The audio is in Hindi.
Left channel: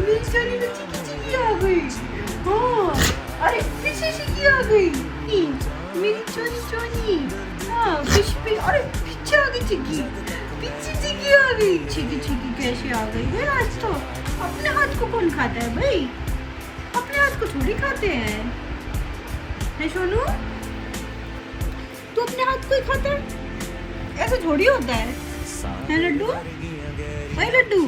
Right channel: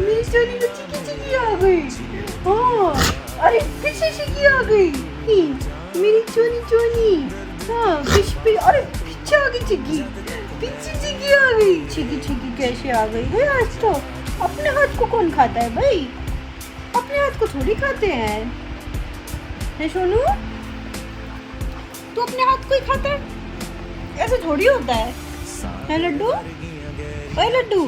मेरी चोरी में चिकी चिकी आ गई। हाँ, अरे फिर से चिकी आ गई। मेरी चोरी चोरी। हाँ, फिर अरे पीछे आ गई चिकी। पीछे चिकी आ गई। चिकी चिकी कैसे आ गई भाई? आज तो अपने हाथ को कौन खाता है भाई? अपने हाथ को थोड़ी खाते हैं। है सोनू? तू अपने हाथ को ही खाता है? ऐसे थोड़ी होता है लड्डू? ओए लड्डू,